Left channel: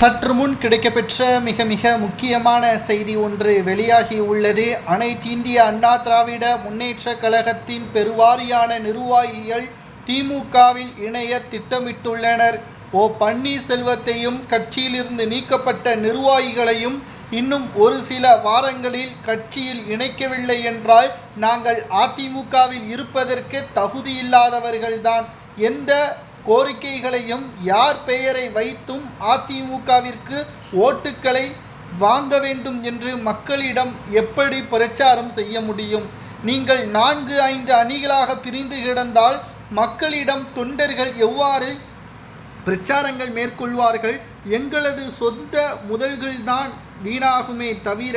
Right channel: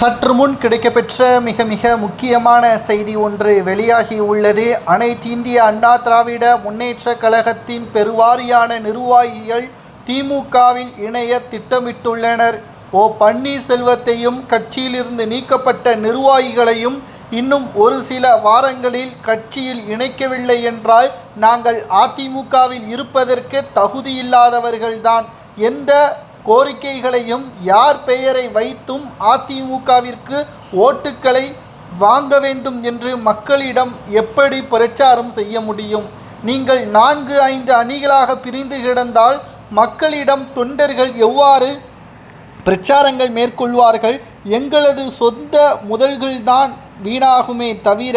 சற்று முன் கிடைக்கப்பெற்ற மிக முக்கியமான செய்தி ஒன்று வெளியாகி உள்ளது. அனைத்து இந்திய அண்ணா திராவிட முன்னேற்ற கழகத்தின் பெருவாரியான நிர்வாகிகள் திமுகவில் இணைய திட்டமிட்டுள்ளனர். பன்னீர்செல்வத்தையும் கட்சியிலிருந்து நீக்கப்பட்ட நிர்வாகிகளையும் இன்னும் ஒரு சில வாரங்களில் கட்சியில் இணைக்கவில்லை என்றால் நாங்கள் அதிமுகவில் இருப்பதற்கு தகுதியில்லாதவர்கள்தான். எந்த கோரிக்கைகளையும் யார் பெயரை வைத்தும் அதிமுகவிற்கு ஓட்டுக்களை வாங்க வேண்டும் என்று மக்களிடம் எப்படி பிரச்சாரம் செய்ய முடியும்? நீங்கள் 4-5 அணிகளாக பிரிந்து கிடந்தால் மக்களிடம் தொண்டர்கள் எவ்வாறு பிரச்சாரங்கள் மேற்கொள்வார்கள்? எங்களது சொந்த முதல்கள்தான் வீணாகுமே தவிர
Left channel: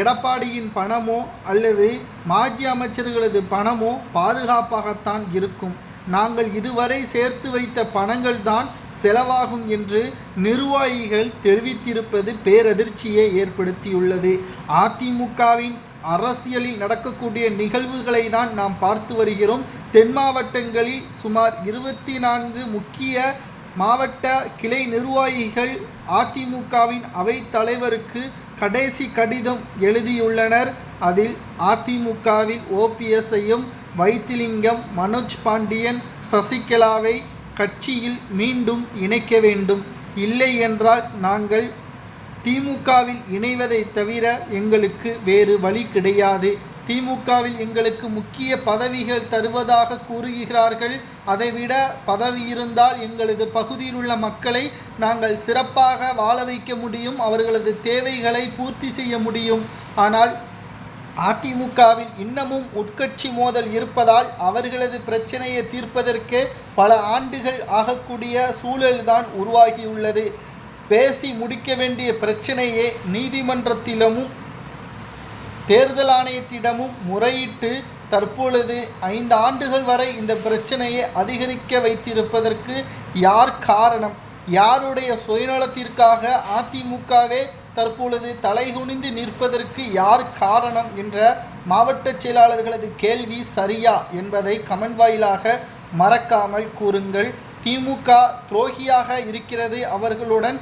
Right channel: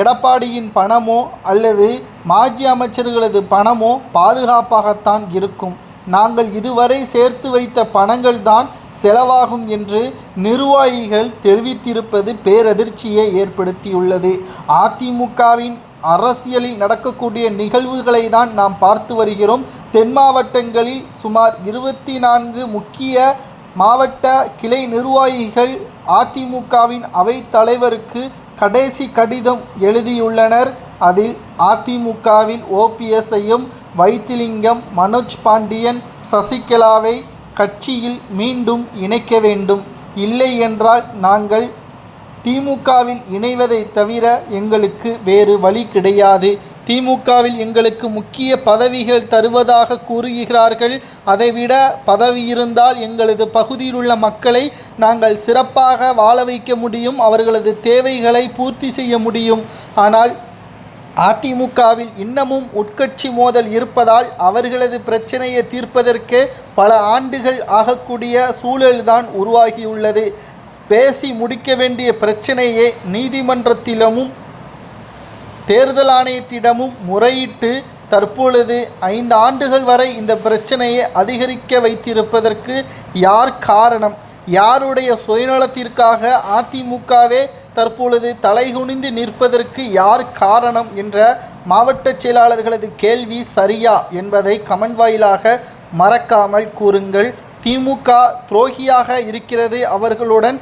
எடப்பாடியின் பணமோ அல்லது மாஜி அமைச்சர்களது பணமோ பாதுகாப்பாகத்தான் இருக்கும். நாங்கள் இதுவரை சேர்த்து வைத்த பணங்கள் தான் செலவாகும் என்று நிர்வாகிகள் தெரிவித்திருப்பது பேரதிர்ச்சியை ஏற்படுத்தியுள்ளது. அதிமுகவின் அரசியலில் நடக்கக்கூடிய நிகழ்வுகளை தான் நாம் பார்த்து வருகிறோம். தென் மாவட்டங்களில் சுமார் 24 முக்கிய மாவட்ட கிளை நிர்வாகிகள் அதிமுகவின் அவைத் தலைவருக்கு கடைசி கடிதம் எழுதியுள்ளனர். அதில் அதிமுகவில் ஓபிஎஸ்ஐயும் வைத்திலிங்கம், மனோஜ் பாண்டியன், சசிகலாவை கட்சியில் மீண்டும் இணைக்க வேண்டும், இல்லை என்றால் நாங்கள் திமுகவில் இணைவதை தவிர எங்களுக்கு வேறு வழி கிடையாது. திமுகவில் எங்களுக்கு முக்கிய பதவிகள் தருவதாக கூறுகிறார்கள். அதைவிட பதவி இருந்தால் எங்களது பகுதியில் உள்ள மக்களை நாங்கள் சிறப்பாக வாழ வைக்க முடியும், அவர்களது தேவைகளை பூர்த்தி செய்ய முடியும். ஆனால் அதிமுகவில் இன்னமும் உட்கட்சி மோதல் இருப்பதால் அவர்களது பிரச்சனையை தீர்ப்பதற்கு பல ஆண்டுகள் ஆகக்கூடிய சூழல்தான் உருவாகியுள்ளது. பேசி முடிக்க வேண்டிய பிரச்சனையே நீதிமன்றத்திலும் தேர்தல் ஆணையத்திடமும் முறையிட்டு தற்பொழுது 5 ஆண்டுகள் வரை இந்த பிரச்சனையை அதிகரிக்க வைத்திருப்பதற்கு யார் காரணம்? யாருடைய சுயநலத்திற்காக அதிமுகவே தற்பொழுது தலைகுனிந்து நிற்பதற்கு யார் காரணம் என்ற மாவட்ட செயலாளர்களது கேள்வி சரியா என்பதை கமெண்ட் வாயிலாக மறக்காமல் கூறுங்கள். திமுக துரோகியாக இருக்கிறது. அவர்களுடன்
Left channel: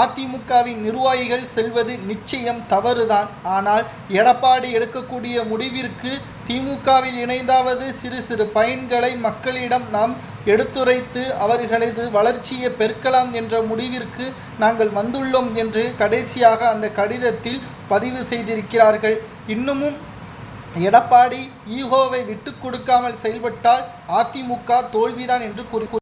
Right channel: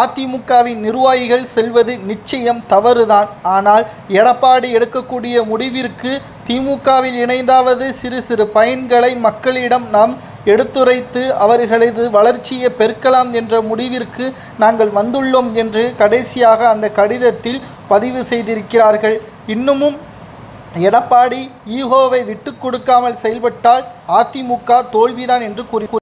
அதிமுகவின் நிர்வாகிகள் செல்வது நிச்சயம் தவறுதான். ஆனால் எடப்பாடி எடுக்கக்கூடிய முடிவிற்கு திமுகவில் இணைந்தாவது சிறு பயன்களை மக்களிடம் நாம் எடுத்துரைத்து அவர்களது வளர்ச்சியை பெருக்கலாம் என்ற முடிவிற்கு நாங்கள் வந்துள்ளோம் என்று கடைசியாக அந்த கடிதத்தில் பதிவு செய்திருக்கிறார்கள். இன்னமும் எடப்பாடி ஈகோவை விட்டு கொடுக்காமல் செயல்பட்டால் அதிமுக தோல்விதான் என்று கூறி